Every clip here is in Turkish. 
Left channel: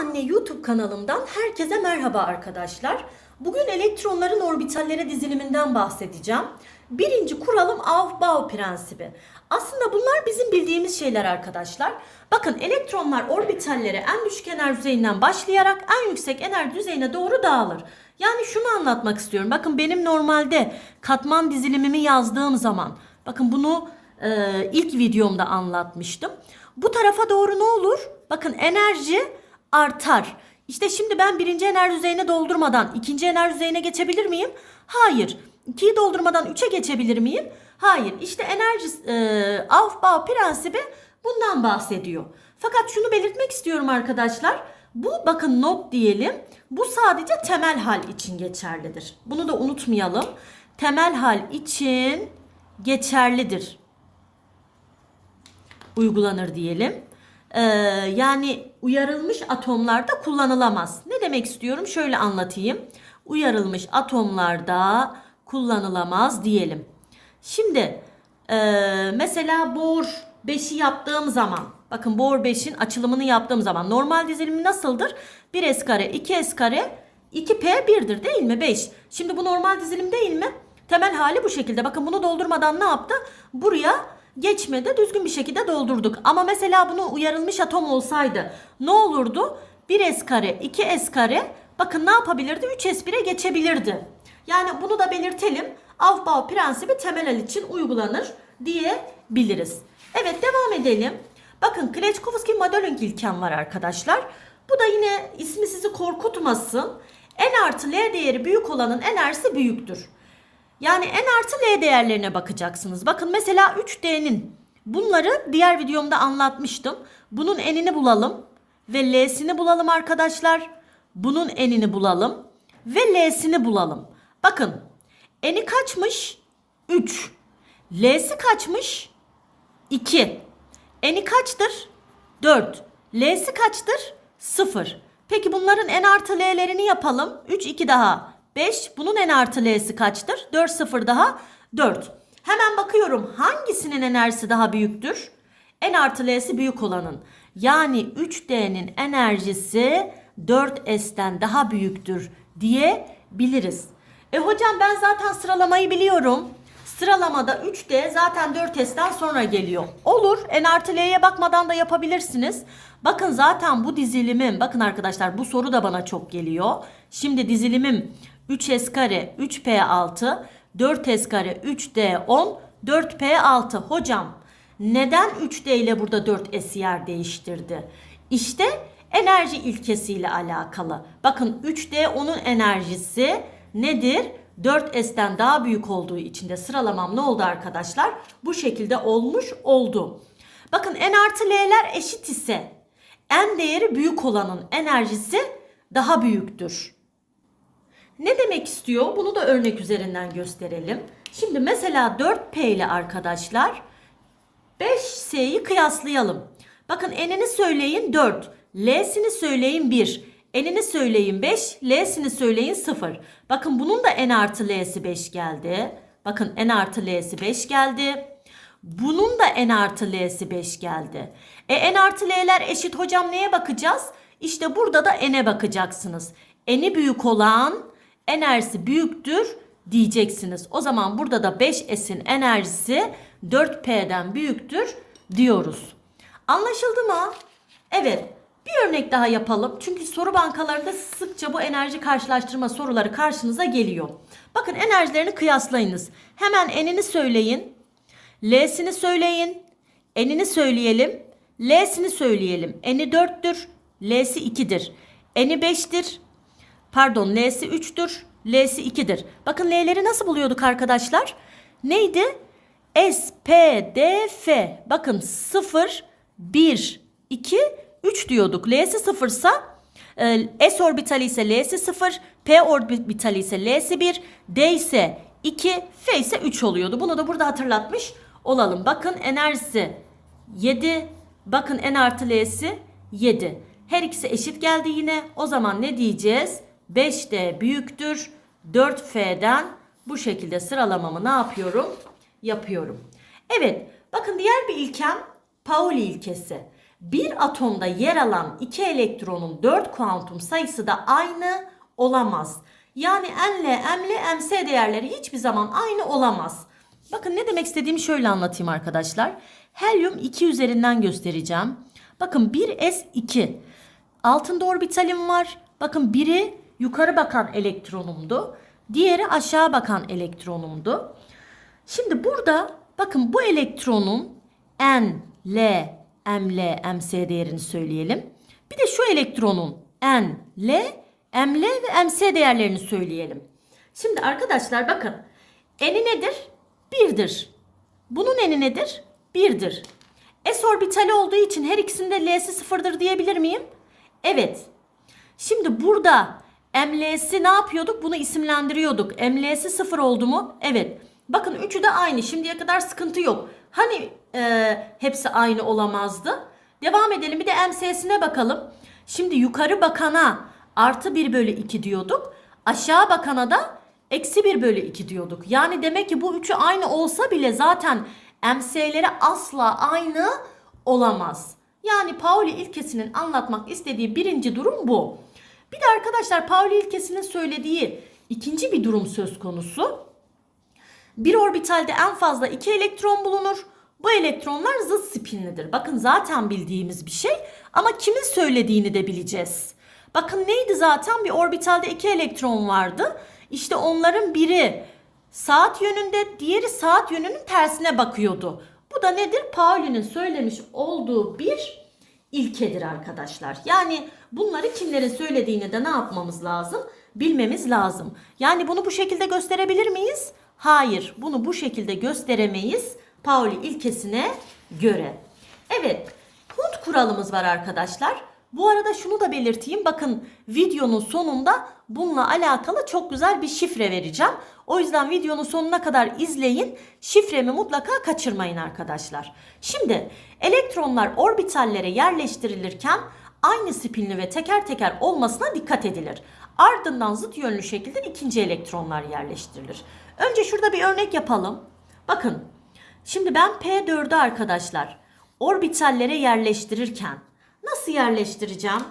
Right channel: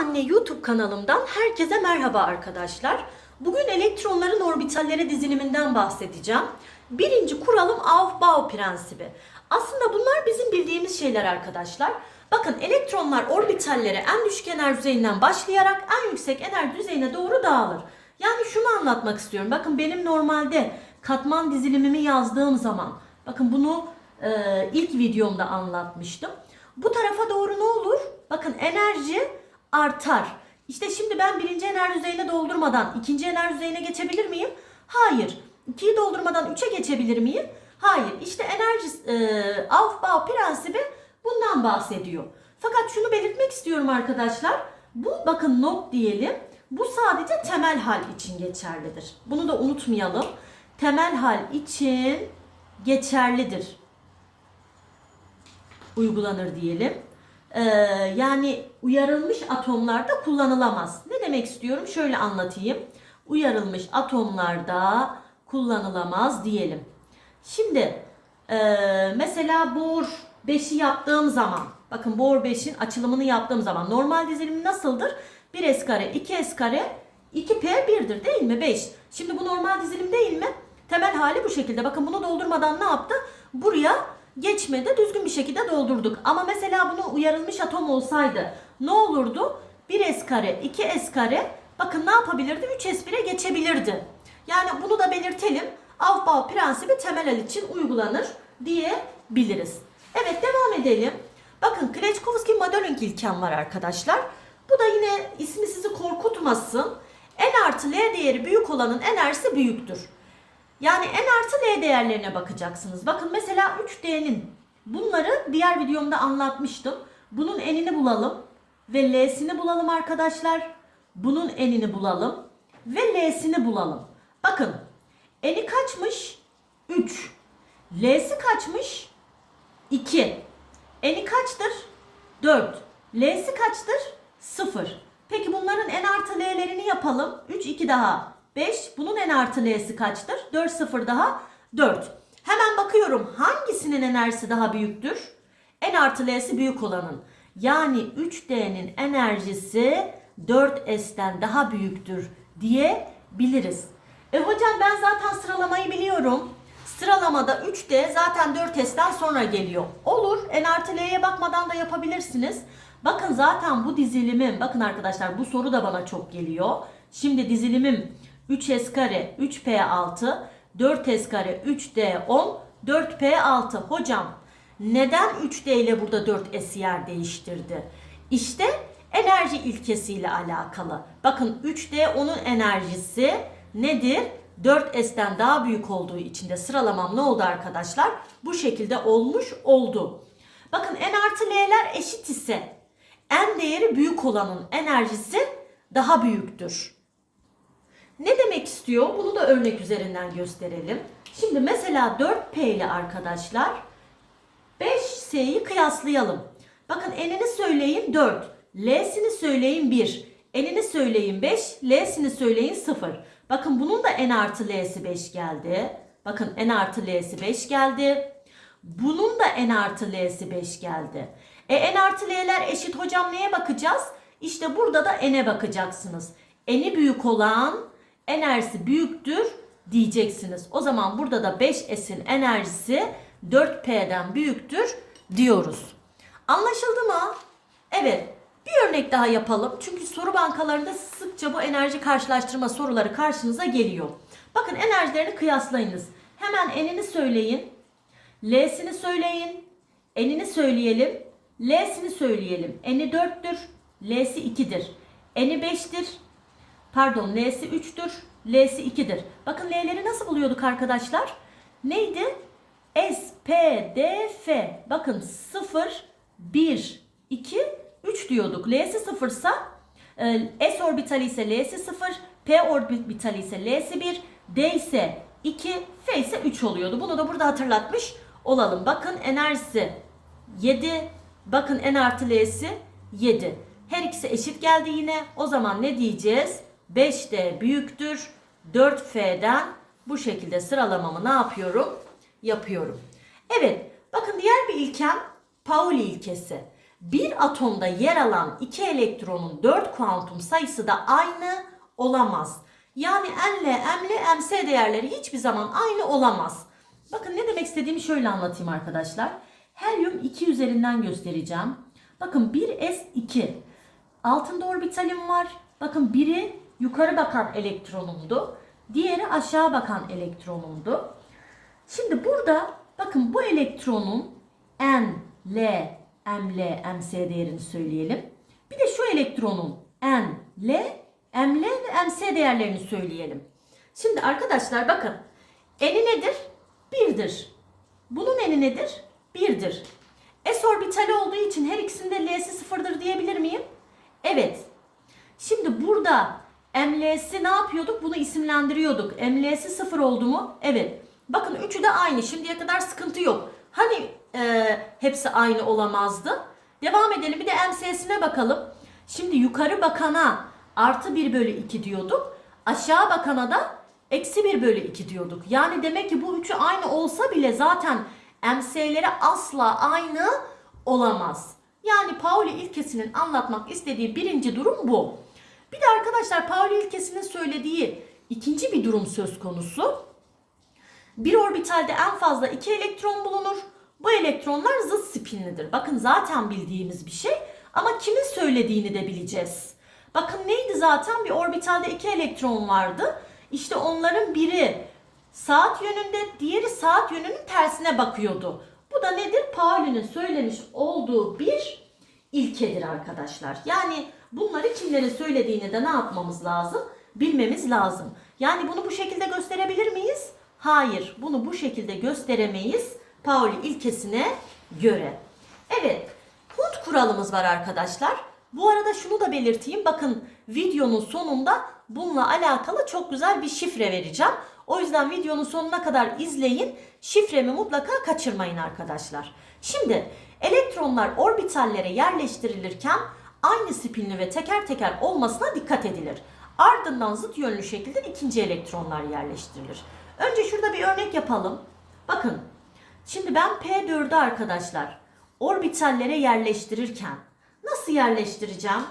Anne YouTube kanalımdan herkese merhaba arkadaşlar. Bugün elektronların orbitalleri diziliminden bahsedeceğim. Birinci kuralım Aufbau prensibi. Aslında bunlar bizim bildiğimiz şeyler arkadaşlar. Bakın elektronlar orbitallere en düşük enerji düzeyinden başlayarak en yüksek enerji düzeyine doğru dağılır. Yani şunu anlatmak istiyorum. Bakın benim normalde katman dizilimimi yazdığım zaman bakın bunu e, ilk videomda anlatmıştım. Bu tarafa doğru ne olur? Bakın enerji artar. İşte şimdi ben birinci enerji düzeyine doldurmadan ikinci enerji düzeyine geçebilir miyim? Hayır. İkiyi doldurmadan üçe geçebilir miyim? Hayır. İşte enerji e, Aufbau prensibi bundan bahsediyor. Fakat şunu belirtmek istiyorum arkadaşlar. Bu bakın not diyelim. Bu sadece temel hal için geçerlidir. Bunu da unutmayalım. Temel hal için geçerlidir uygulanır diyelim. Ee, yani uyarılmış atomlarda kullanılamaz. Ne demek istiyorum? Şöyle anlatayım. Uyarılmış atomlarda kullanılamaz diyelim. Şimdi e, mesela bor 5'i yaptığım zaman bakın bor 5'in açılımını yaptığım zaman normal dizilimi nasıldır? 1s kare 2s kare 2p 1'dir değil mi? 5. Şimdi bu normal dizilim değil mi? Temel hali bu şekilde. Bakın bunu doldurmadan ne yaptı? Buraya geçmedi. Düzgün bir şekilde doldurduk. Ama mesela bunu uyarılmış atom olsaydı ne olurdu? 1s kare 2s kare bakın ne yapabilirdi? 3s1'e geçebilirdi. Yani bunu da belirtelim. Aufbau prensibi temel için uygulanır diyebiliriz. Evet devam edelim. Bakın Kleczkowski modeling ilkem var arkadaşlar. Bu da yine ismi sizi korkutmasın. N artı L değeri büyük olanın enerjisi büyüktür. Yani N artı L değerlerine bakacaksınız. Bakın mesela 3D'nin bunları diğer videomda anlatmıştım. Bunun N'ini bulalım ve L'sini bulalım arkadaşlar. Bunun N'ini bulalım ve L'sini bulalım. Bakın N'i kaçmış? 3. L'si kaçmış? 2. N'i kaçtır? 4. L'si kaçtır? 0. Peki bunların n artı l'lerini yapalım. 3 2 daha 5. Bunun n artı l'si kaçtır? 4 0 daha 4. Hemen bakıyorum hangisinin enerjisi daha büyüktür? n artı l'si büyük olanın. Yani 3D'nin enerjisi 4S'ten daha büyüktür diyebiliriz. E hocam ben zaten sıralamayı biliyorum. Sıralamada 3D zaten 4S'ten sonra geliyor. Olur. N artı L'ye bakmadan da yapabilirsiniz. Bakın zaten bu dizilimim, bakın arkadaşlar bu soru da bana çok geliyor. Şimdi dizilimim 3S kare 3P6, 4S kare 3D10, 4P6. Hocam neden 3D ile burada 4S yer değiştirdi? İşte enerji ilkesiyle alakalı. Bakın 3D onun enerjisi nedir? 4S'ten daha büyük olduğu için de sıralamam ne oldu arkadaşlar? Bu şekilde olmuş oldu. Bakın N artı L'ler eşit ise N değeri büyük olanın enerjisi daha büyüktür. Ne demek istiyor? Bunu da örnek üzerinden gösterelim. Şimdi mesela 4P ile arkadaşlar 5S'yi kıyaslayalım. Bakın N'ini söyleyin 4, L'sini söyleyin 1, N'ini söyleyin 5, L'sini söyleyin 0. Bakın bunun da N artı L'si 5 geldi. Bakın N artı L'si 5 geldi. Bunun da N artı L'si 5 geldi. E N artı L'ler eşit hocam neye bakacağız? İşte burada da N'e bakacaksınız. N'i büyük olan enerjisi büyüktür diyeceksiniz. O zaman burada da 5S'in enerjisi 4P'den büyüktür diyoruz. Anlaşıldı mı? Evet. Bir örnek daha yapalım. Çünkü soru bankalarında sıkça bu enerji karşılaştırma soruları karşınıza geliyor. Bakın enerjilerini kıyaslayınız. Hemen N'ini söyleyin. L'sini söyleyin. N'ini söyleyelim. L'sini söyleyelim. N'i 4'tür. L'si 2'dir. N'i 5'tir. Pardon L'si 3'tür. L'si 2'dir. Bakın L'leri nasıl buluyorduk arkadaşlar? Neydi? S, P, D, F. Bakın 0, 1, 2, 3 diyorduk. L'si 0 ise S orbitali ise L'si 0, P orbitali ise L'si 1, D ise 2, F ise 3 oluyordu. Bunu da burada hatırlatmış olalım. Bakın enerjisi 7, bakın N artı L'si 7. Her ikisi eşit geldi yine. O zaman ne diyeceğiz? 5D büyüktür. 4F'den bu şekilde sıralamamı ne yapıyorum? Yapıyorum. Evet. Bakın diğer bir ilkem Pauli ilkesi. Bir atomda yer alan iki elektronun 4 kuantum sayısı da aynı olamaz. Yani N'le M'le MC değerleri hiçbir zaman aynı olamaz. Bakın ne demek istediğimi şöyle anlatayım arkadaşlar. Helyum 2 üzerinden göstereceğim. Bakın 1s2. Altında orbitalim var. Bakın biri yukarı bakan elektronumdu. Diğeri aşağı bakan elektronumdu. Şimdi burada bakın bu elektronun N, L, M, L, MC değerini söyleyelim. Bir de şu elektronun N, L, M, L ve MC değerlerini söyleyelim. Şimdi arkadaşlar bakın N'i nedir? 1'dir. Bunun N'i nedir? 1'dir. S orbitali olduğu için her ikisinde L'si sıfırdır diyebilir miyim? Evet. Şimdi burada ML'si ne yapıyorduk? Bunu isimlendiriyorduk. ML'si sıfır oldu mu? Evet. Bakın üçü de aynı. Şimdiye kadar sıkıntı yok. Hani e, hepsi aynı olamazdı? Devam edelim. Bir de MS'sine bakalım. Şimdi yukarı bakana artı 1 bölü 2 diyorduk. Aşağı bakana da eksi 1 bölü 2 diyorduk. Yani demek ki bu üçü aynı olsa bile zaten MS'leri asla aynı olamaz. Yani Pauli ilkesinin anlatmak istediği birinci durum bu. Bir de arkadaşlar Pauli ilkesinin söylediği ikinci bir durum söz konusu. Bir orbitalde en fazla iki elektron bulunur. Bu elektronlar zıt spinlidir. Bakın zaten bildiğimiz bir şey ama kimin söylediğini de bileceğiz. Bakın neydi zaten bir orbitalde iki elektron vardı. İşte onların biri saat yönünde, diğeri saat yönünün tersine bakıyordu. Bu da nedir? Pauli'nin söylemiş olduğu bir ilkedir arkadaşlar. Yani bunları kimlerin söylediğini de ne yapmamız lazım? Bilmemiz lazım. Yani bunu bu şekilde gösterebilir miyiz? Hayır, bunu bu şekilde gösteremeyiz. Pauli ilkesine göre. Evet, Hund kuralımız var arkadaşlar. Bu arada şunu da belirteyim. Bakın videonun sonunda bununla alakalı çok güzel bir şifre vereceğim. O yüzden videonun sonuna kadar izleyin. Şifremi mutlaka kaçırmayın arkadaşlar. Şimdi elektronlar orbitallere yerleştirilirken aynı spinli ve teker teker olmasına dikkat edilir. Ardından zıt yönlü şekilde ikinci elektronlar yerleştirilir. Önce şurada bir örnek yapalım. Bakın. Şimdi ben P4'ü arkadaşlar orbitallere yerleştirirken nasıl yerleştireceğim?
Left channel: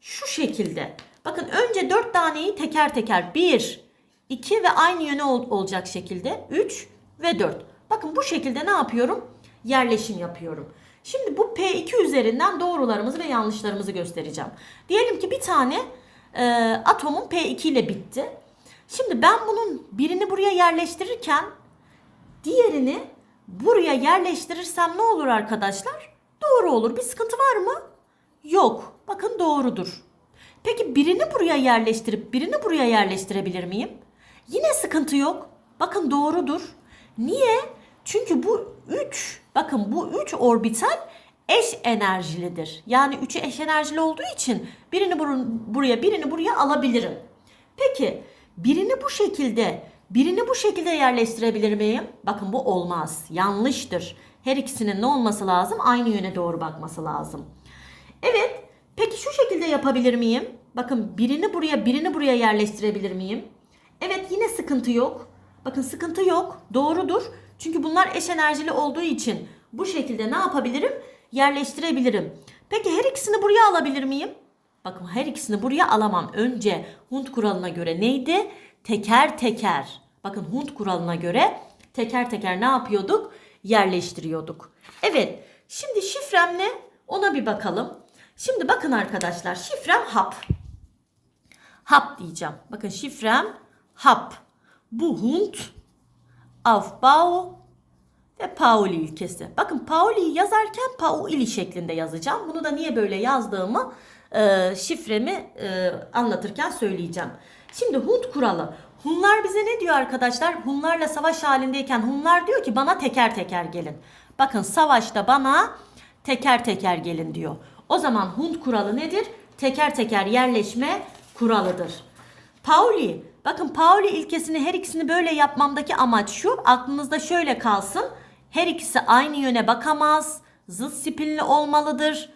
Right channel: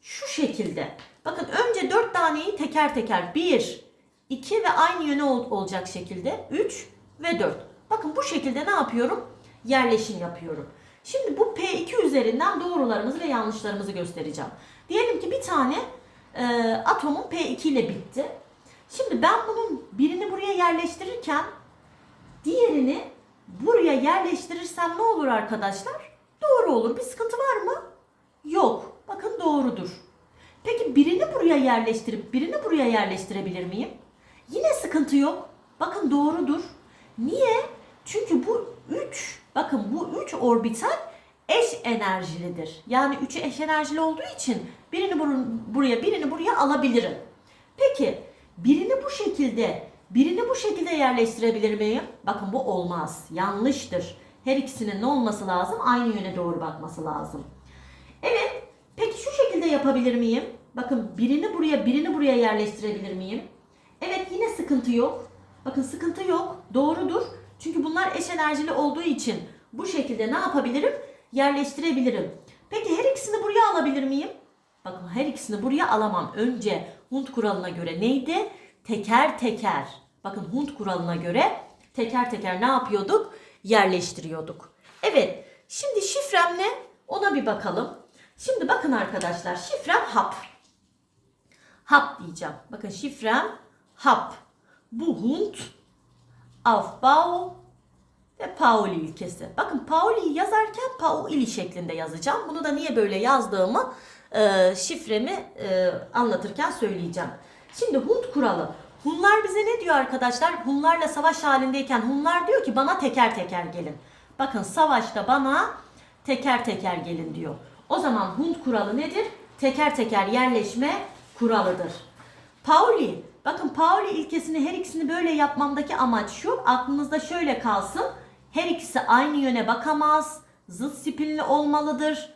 Şu şekilde. Bakın önce 4 taneyi teker teker 1, 2 ve aynı yöne ol- olacak şekilde 3 ve 4. Bakın bu şekilde ne yapıyorum? Yerleşim yapıyorum. Şimdi bu P2 üzerinden doğrularımızı ve yanlışlarımızı göstereceğim. Diyelim ki bir tane e, atomun P2 ile bitti. Şimdi ben bunun birini buraya yerleştirirken diğerini buraya yerleştirirsem ne olur arkadaşlar? Doğru olur. Bir sıkıntı var mı? Yok. Bakın doğrudur. Peki birini buraya yerleştirip birini buraya yerleştirebilir miyim? Yine sıkıntı yok. Bakın doğrudur. Niye? Çünkü bu 3, bakın bu 3 orbital eş enerjilidir. Yani 3'ü eş enerjili olduğu için birini bur- buraya birini buraya alabilirim. Peki birini bu şekilde birini bu şekilde yerleştirebilir miyim? Bakın bu olmaz. Yanlıştır. Her ikisinin ne olması lazım? Aynı yöne doğru bakması lazım. Evet. Peki şu şekilde yapabilir miyim? Bakın birini buraya birini buraya yerleştirebilir miyim? Evet yine sıkıntı yok. Bakın sıkıntı yok. Doğrudur. Çünkü bunlar eş enerjili olduğu için bu şekilde ne yapabilirim? Yerleştirebilirim. Peki her ikisini buraya alabilir miyim? Bakın her ikisini buraya alamam. Önce Hund kuralına göre neydi? Teker teker. Bakın Hund kuralına göre teker teker ne yapıyorduk? Yerleştiriyorduk. Evet. Şimdi şifrem ne? Ona bir bakalım. Şimdi bakın arkadaşlar şifrem hap. Hap diyeceğim. Bakın şifrem hap. Bu Hund, Aufbau ve Pauli ilkesi. Bakın Pauli'yi yazarken Pauli şeklinde yazacağım. Bunu da niye böyle yazdığımı e, şifremi e, anlatırken söyleyeceğim. Şimdi Hund kuralı. Hunlar bize ne diyor arkadaşlar? Hunlarla savaş halindeyken Hunlar diyor ki bana teker teker gelin. Bakın savaşta bana teker teker gelin diyor. O zaman Hund kuralı nedir? Teker teker yerleşme kuralıdır. Pauli. Bakın Pauli ilkesini her ikisini böyle yapmamdaki amaç şu. Aklınızda şöyle kalsın. Her ikisi aynı yöne bakamaz. Zıt spinli olmalıdır.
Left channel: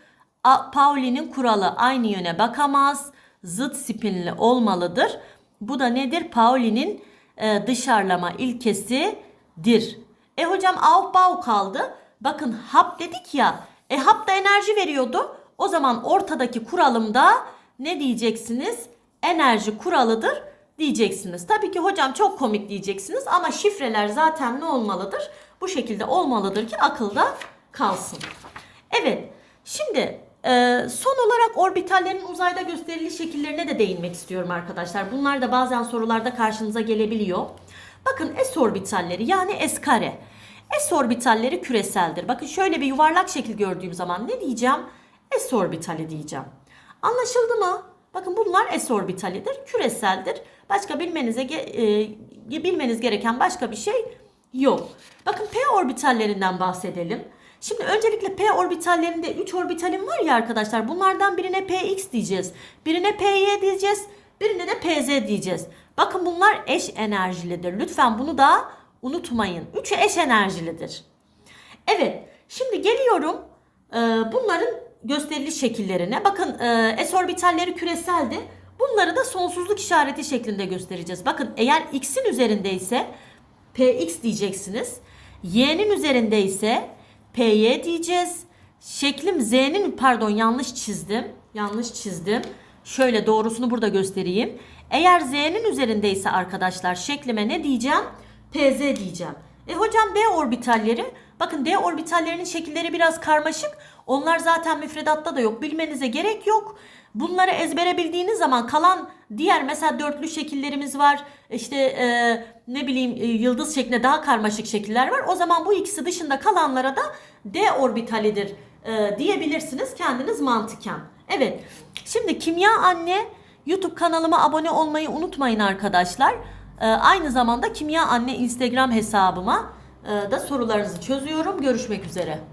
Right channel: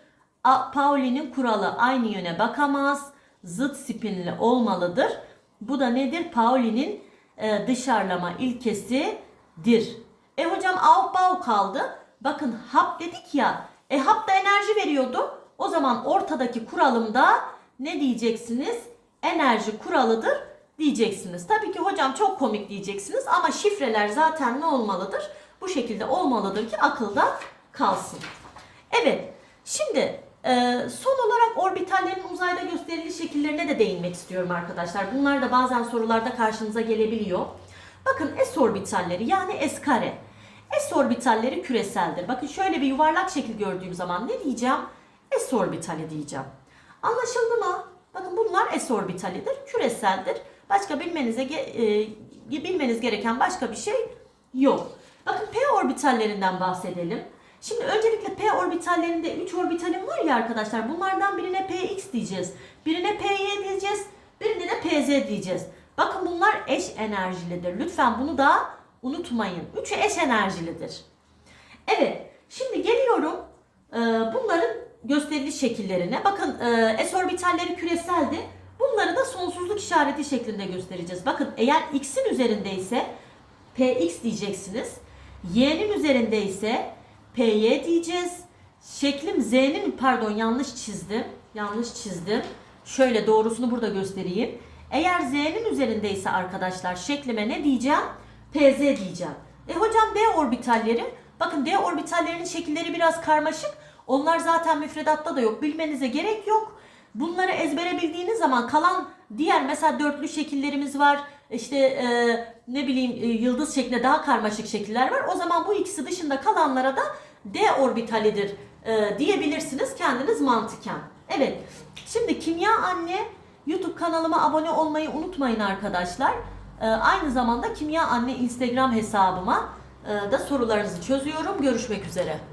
Pauli'nin kuralı aynı yöne bakamaz. Zıt spinli olmalıdır. Bu da nedir? Pauli'nin e, dışarılama ilkesidir. E hocam Aufbau kaldı. Bakın hap dedik ya. E hap da enerji veriyordu. O zaman ortadaki kuralımda ne diyeceksiniz? Enerji kuralıdır diyeceksiniz. Tabii ki hocam çok komik diyeceksiniz ama şifreler zaten ne olmalıdır? Bu şekilde olmalıdır ki akılda kalsın. Evet. Şimdi e, son olarak orbitallerin uzayda gösterili şekillerine de değinmek istiyorum arkadaşlar. Bunlar da bazen sorularda karşınıza gelebiliyor. Bakın S orbitalleri yani S kare. S orbitalleri küreseldir. Bakın şöyle bir yuvarlak şekil gördüğüm zaman ne diyeceğim? S orbitali diyeceğim. Anlaşıldı mı? Bakın bunlar S orbitalidir, küreseldir. Başka bilmenize e, bilmeniz gereken başka bir şey yok. Bakın P orbitallerinden bahsedelim. Şimdi öncelikle P orbitallerinde 3 orbitalim var ya arkadaşlar. Bunlardan birine Px diyeceğiz. Birine Py diyeceğiz. Birine de Pz diyeceğiz. Bakın bunlar eş enerjilidir. Lütfen bunu da unutmayın. Üçü eş enerjilidir. Evet. Şimdi geliyorum e, bunların gösterili şekillerine. Bakın e, S orbitalleri küreseldi. Bunları da sonsuzluk işareti şeklinde göstereceğiz. Bakın eğer x'in üzerinde ise px diyeceksiniz. Y'nin üzerinde ise py diyeceğiz. Şeklim z'nin pardon yanlış çizdim. Yanlış çizdim. Şöyle doğrusunu burada göstereyim. Eğer z'nin üzerindeyse arkadaşlar şeklime ne diyeceğim? Pz diyeceğim. E hocam d orbitalleri bakın d orbitallerinin şekilleri biraz karmaşık. Onlar zaten müfredatta da yok. Bilmenize gerek yok. Bunları ezbere bildiğiniz zaman kalan diğer mesela dörtlü şekillerimiz var. İşte e, ne bileyim e, yıldız şeklinde daha karmaşık şekiller var. O zaman bu ikisi dışında kalanlara da D orbitalidir e, diyebilirsiniz kendiniz mantıken. Evet. Şimdi Kimya Anne YouTube kanalıma abone olmayı unutmayın arkadaşlar. E, aynı zamanda Kimya Anne Instagram hesabıma e, da sorularınızı çözüyorum. Görüşmek üzere.